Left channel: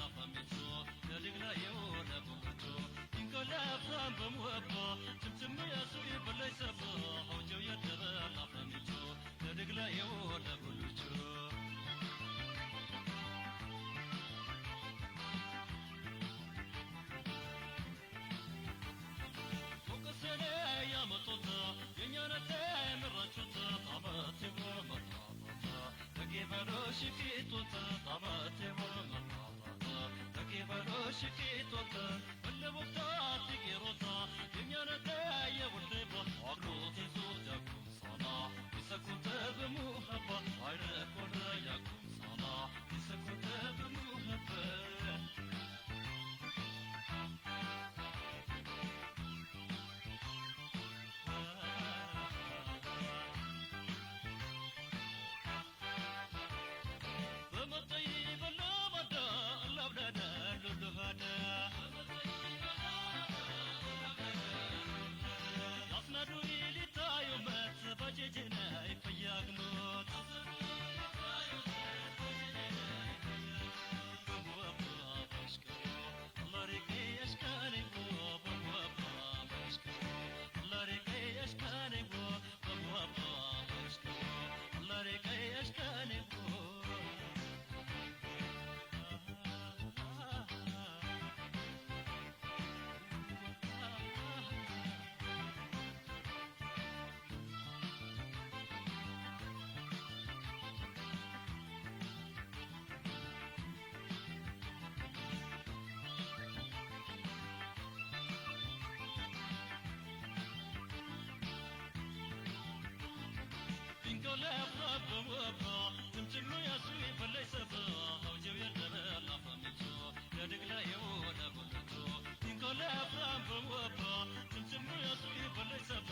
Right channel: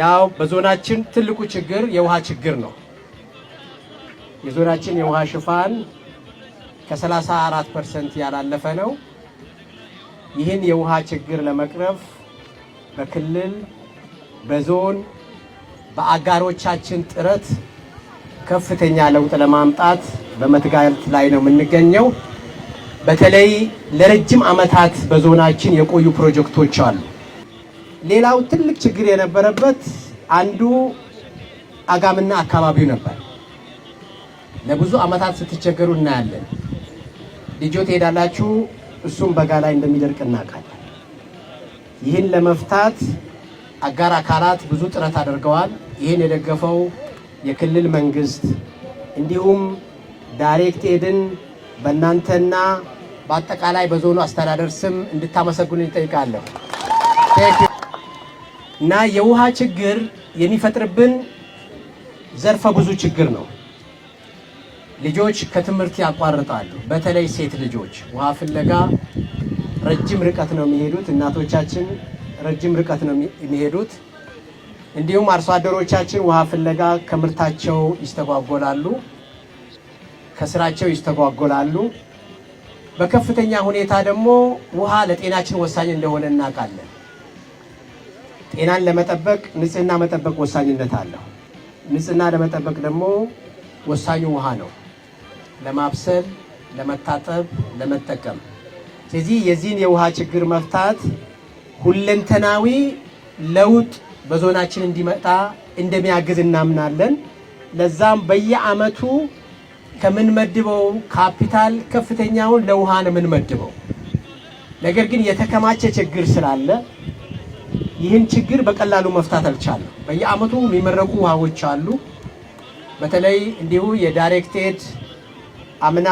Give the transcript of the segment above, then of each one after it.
ያው በዞናችን ትልቁ ችግር የውሃ ችግር ነው። የዞናችን የውሃ ሽፋን ከ34% ያላለፈ ነው። ይህን የውሃ ችግር ለመቅረፍ በክልል በዞን በአጋሮቻችን ጥረት ከፍተኛ ለውጥ ለማምጣት በመትጋት ላይ ነው የምንገኘው። በተለይ ለረጅም ዓመታት በዞናችን የቆዩ ፕሮጀክቶች አሉ። ሌላው ትልቅ ችግር የነበረበት አንዱ አጋምና አካባቢው ነበር። ለብዙ ዓመታት ስትቸገሩ እናያለን። ልጆ ትሄዳላችሁ፣ እሱም በጋ ላይ እንደሚደርቅ እናውቃለን። ይህን ለመፍታት አጋር አካላት ብዙ ጥረት አድርገዋል። ይህን የደገፈው የክልል መንግስት እንዲሁም ዳይሬክት ኤድን በእናንተና በአጠቃላይ በዞኑ አስተዳደር ስም እንድታመሰግኑኝ እጠይቃለሁ። እና የውሃ ችግር የሚፈጥርብን ዘርፈ ብዙ ችግር ነው። ልጆች ከትምህርት ያቋርጣሉ። በተለይ ሴት ልጆች ውሃ ፍለጋ ረጅም ርቀት ነው የሚሄዱት። እናቶቻችን ረጅም ርቀት ነው የሚሄዱት። እንዲሁም አርሶ አደሮቻችን ውሃ ፍለጋ ከምርታቸው ይስተጓጎላሉ፣ ከስራቸው ይስተጓጎላሉ። በከፍተኛ ሁኔታ ደግሞ ውሃ ለጤናችን ወሳኝ እንደሆነ እናውቃለን። ጤናን ለመጠበቅ ንጽህና መጠበቅ ወሳኝነት አለው። ንጽህና ለመጠበቅ ደግሞ ወሳኙ ውሃ ነው፣ ለማብሰል፣ ለመታጠብ፣ ለመጠቀም። ስለዚህ የዚህን የውሃ ችግር መፍታት ሁለንተናዊ ለውጥ በዞናችን እንዲመጣ እንደሚያግዝ እናምናለን። ለዛም በየዓመቱ ከምንመድበው ካፒታል ከፍተኛውን ለውሃ ነው የምንመድበው። ነገር ግን የተከማቸ ችግር ስላለ ይህን ችግር በቀላሉ መፍታት አልቻለም። በየዓመቱ የሚመረቁ ውሃዎች አሉ። በተለይ እንዲሁ የዳይሬክት ኤድ አምና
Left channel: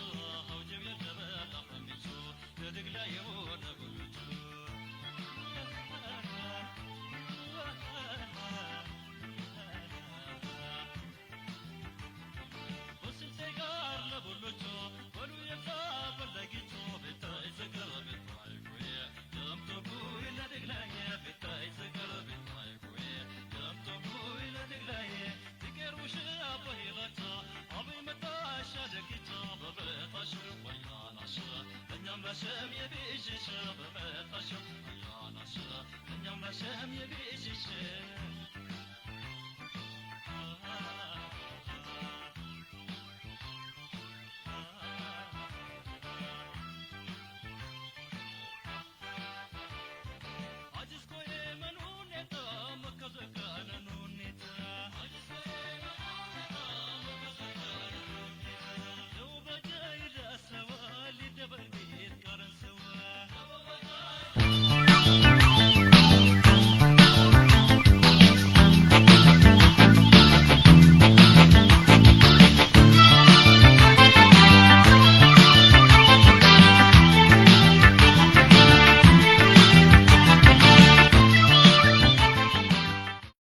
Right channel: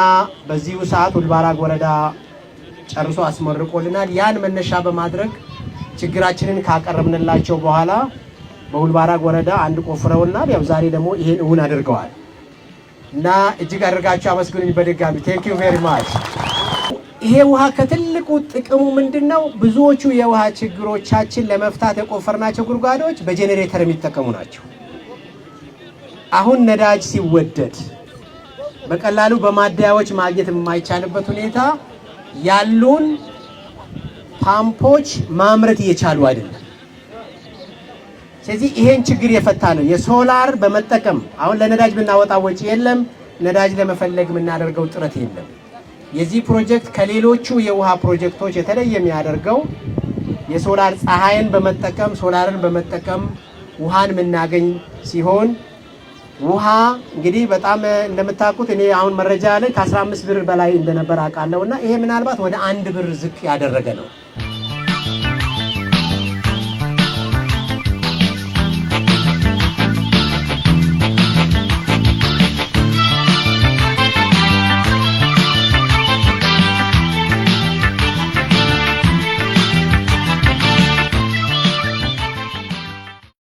በዚሁ ሰዓት ሁልባራግ ወረዳ ጨርሶ አስመርቆልናል። ያን መነሻ በማድረግ ችግራችንን ካቀረብንላቸው በኋላ በሁልባራግ ወረዳ አንድ ቆፍረውናል። ያው ዛሬ ደግሞ ይሄን እውን አድርገዋል እና እጅግ አድርጋችሁ አመስግኑኝ በድጋሚ ቴንክ ዩ ቬሪ ማች። ይሄ ውሃ ከትልቁ ጥቅሙ ምንድነው? ብዙዎቹ የውሃ ችግሮቻችን ለመፍታት የቆፈርናቸው ጉድጓዶች በጄኔሬተር የሚጠቀሙ ናቸው። አሁን ነዳጅ ሲወደድ በቀላሉ በማደያዎች ማግኘት የማይቻልበት ሁኔታ ያሉን ፓምፖች ማምረት እየቻሉ አይደለም። ስለዚህ ይሄን ችግር የፈታ ነው የሶላር በመጠቀም አሁን ለነዳጅ ብናወጣ ወጪ የለም፣ ነዳጅ ለመፈለግ የምናደርገው ጥረት የለም። የዚህ ፕሮጀክት ከሌሎቹ የውሃ ፕሮጀክቶች የተለየ የሚያደርገው የሶላር ፀሐይን በመጠቀም ሶላርን በመጠቀም ውሃን የምናገኝ ሲሆን ውሃ እንግዲህ በጣም እንደምታውቁት እኔ አሁን መረጃ ላይ ከ15 ብር በላይ እንደነበር አውቃለሁና ይሄ ምናልባት ወደ 1 ብር ዝቅ ያደረገ ነው።